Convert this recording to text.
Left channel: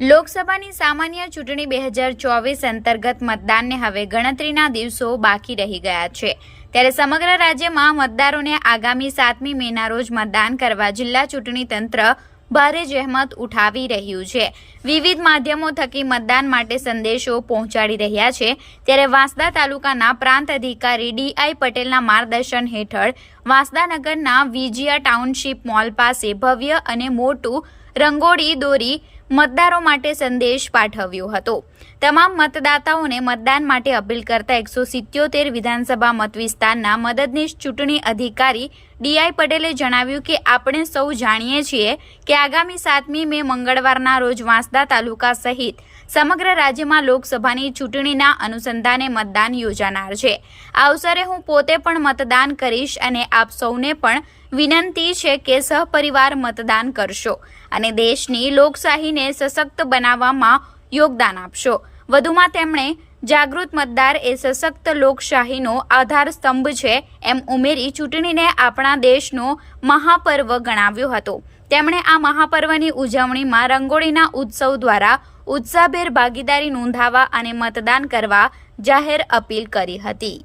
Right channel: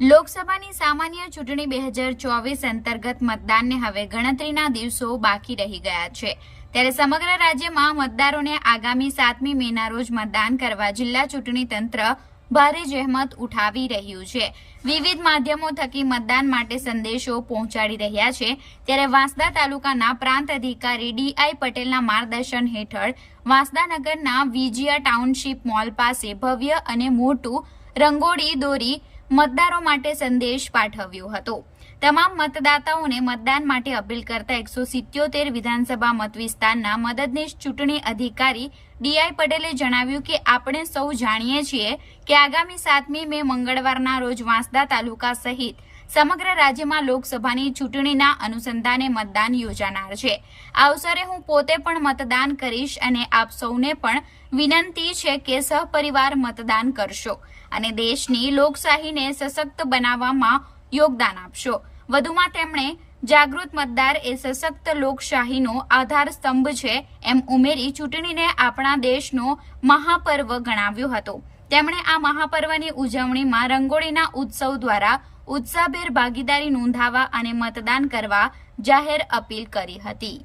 લોકસભાની સામાન્ય ચૂંટણી 2024 અંતર્ગત મતદાનને હવે ગણતરીના દિવસો બાકી રહી ગયા છે। ત્યારે સમગ્ર રાજ્યમાં મતદારોને આગામી 7મી મેના રોજ મતદાન કરવા જિલ્લા ચૂંટણી તંત્ર ભારે જહેમત ઉઠાવી રહ્યું છે। વિવિધ માધ્યમો થકી મતદાન માટે સંદેશો પહોંચાડી રહ્યા છે। ત્યારે વાંસદા તાલુકાના પ્રાંત અધિકારી ડીઆઈ પટેલના માર્ગદર્શન હેઠળ વાંસદા નગરના વિજયા ટાઉનશીપ મોલ પાસે ભવ્ય અને મોટું રંગોળી દોરી મતદારો માટે સંદેશ પાઠવ્યો હતો। તમામ મતદાતાઓને મતદાન માટે અપીલ કરતા 177 વિધાનસભા મત વિસ્તારના મદદનીશ ચૂંટણી અધિકારી ડીઆઈ પટેલે જણાવ્યું કે આપણે સૌ જાણીએ છીએ કે આગામી 7મી મે મંગળવારના રોજ વાંસદા તાલુકા સહિત સમગ્ર રાજ્યમાં લોકસભાની ચૂંટણીના અનુસંધાને મતદાન યોજાનાર છે। આ અવસરે હું પોતે પણ મતદાન કરીશ અને આપ સૌને પણ વિનંતી છે કે સહપરિવાર મતદાન કરશો અને દેશની લોકશાહીને સશક્ત બનાવવામાં યોગદાન આપશો। વધુમાં તેમણે જાગૃત મતદાર એ સશક્ત લોકશાહીનો આધાર સ્તંભ છે એમ ઉમેરી ચૂંટણીને આપણા દેશનો મહાપર્વ ગણાવ્યો હતો। તેમણે આ મહાપર્વની ઉજવણીમાં રંગોળીના ઉત્સવ દ્વારા ઉત્સાહભેર ભાગીદારી નોંધાવવા અને મતદાન કરવા જાહેર અપીલ કરી હતી।